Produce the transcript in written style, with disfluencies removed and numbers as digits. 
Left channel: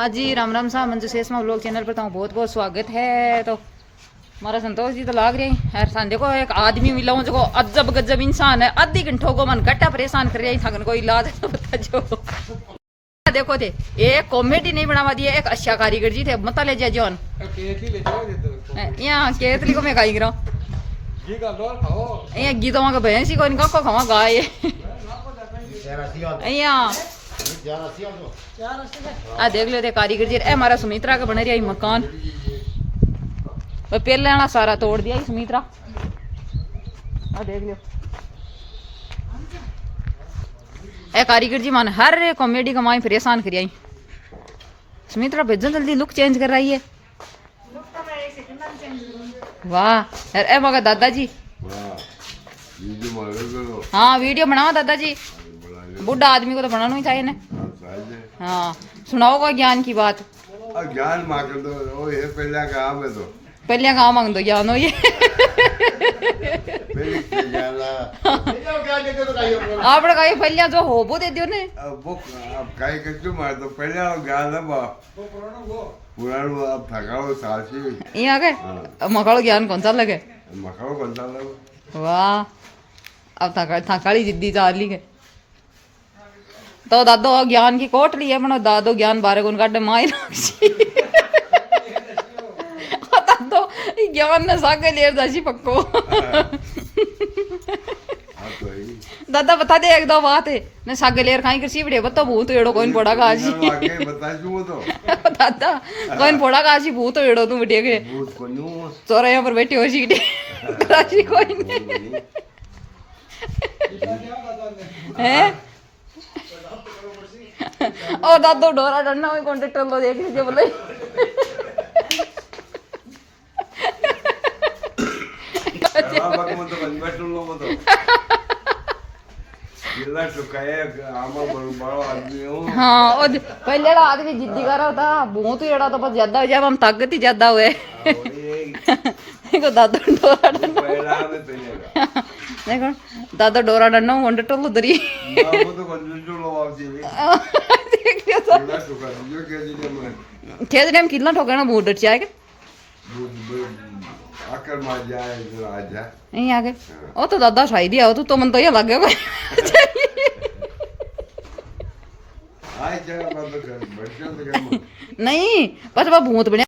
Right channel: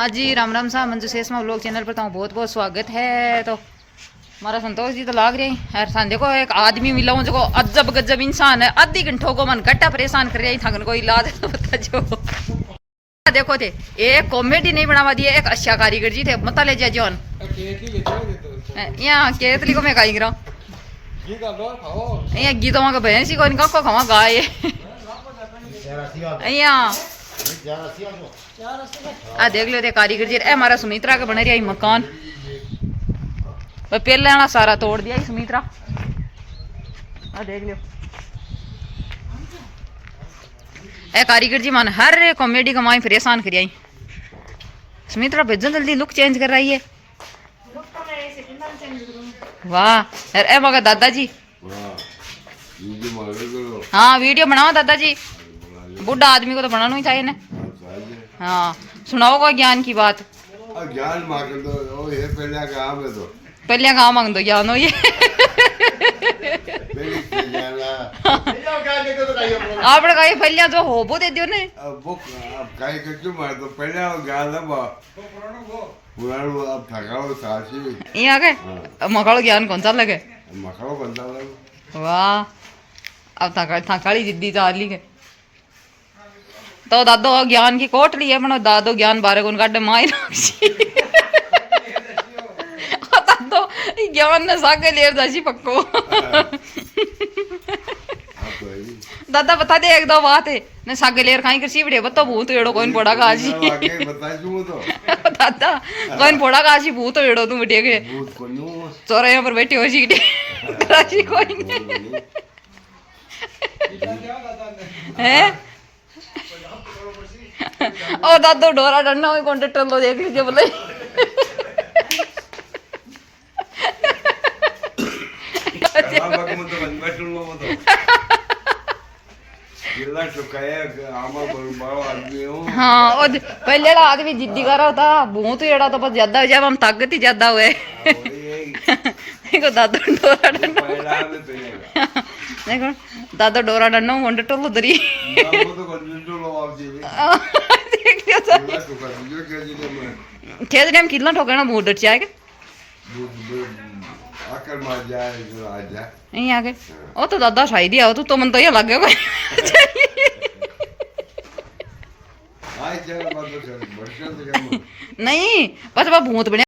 हाँ जी, राम राम साहब, Manju शेषमा vlog channel पर तो बहुत बहुत स्वागत है। तो हमारा संतोष जी तो लाग रहे हैं यार। सान देखो एक आदमी मिला हूँ जो अजब गजब इंसान है। आधी घंटों को मन घट्टा परेशान कर रही थकन कोई इलाज तो बता जो। देखो थे एक कॉमेडी नहीं बनावा दिए, एक अच्छा कारीगर जी थे मत ले जा जॉन यहाँ केतली को मैं खाई गिरा यहाँ गीतों का भैंस को इनका को खावा गाय यहाँ आ देख लो थे कारीगर जी। ए हमारा सुमित्रा का बन रहा है मकान, पहले वाला सारा तोड़ दिया सुमित्रा। आ देख लो ए कारीगर जी मान हर कॉमेडी का माई परेशान कर आई। सुमित्रा भेजो जल्दी लुक चेंज कर रही है। वाह यार ए मगर दादाजी हाँ वीडियो बनाओ दादाजी, बुढ़ा आदमी को तो बनाना ही था इन्हें। हाँ सुनाओ कोई ज्ञान की बात। ज्ञान मांग दो ये पहले काम है तो पहले काम मांग दो ज्ञान हो ये आपने कहा पहले जो हो वो दे दियो ने वो अब काई कच्चू मार दो पहले ज्ञान है बा पुरानो अब थकाओ सासी ये आ गए मकालो ज्ञान कौन सा लगे मकाओ कौन सा लगे। वाह अब थकाली जिद्दी चाली के तो दादो ज्ञान की कोटली है मनो दादो ज्ञान बारे को काटे माई दादो ज्ञान ने सागे लेर जासी पक्को दादा बता दे एक दो बात है ने सागे लेर खाई किसी बड़े बतो भूत एड़ो कोइन पड़ा का आजी बता दूं तो दादा कोइन पड़ा का आजी भूत एड़ो तू बेटे के भूत कोन्यू चोरे यहाँ पर बैठी हो सीटे राजी कोई नहीं है ओ दादो डोरा डरना हुई कॉन्ट्रेक्टर लो देख लीजिए बोले हाँ और पहले आदमी जिद्दी कर रहा था भूत एड़ा तो बस ज्यादा जब हम ताकत ही ज्यादा हुए देखो दादो डोरा डरना देखो दादो डोरा डरना कॉन्ट्रेक्टर लो दरी खेजने में कितना ठोकना बहुत डर जाएगा आकर मार जाए जो आ जा नहीं आगे ओ तो दादा साई दिया तो मन तो ये लग गया कोई आई जगह बात कर बढ़िया से नहीं बस वो भूत बने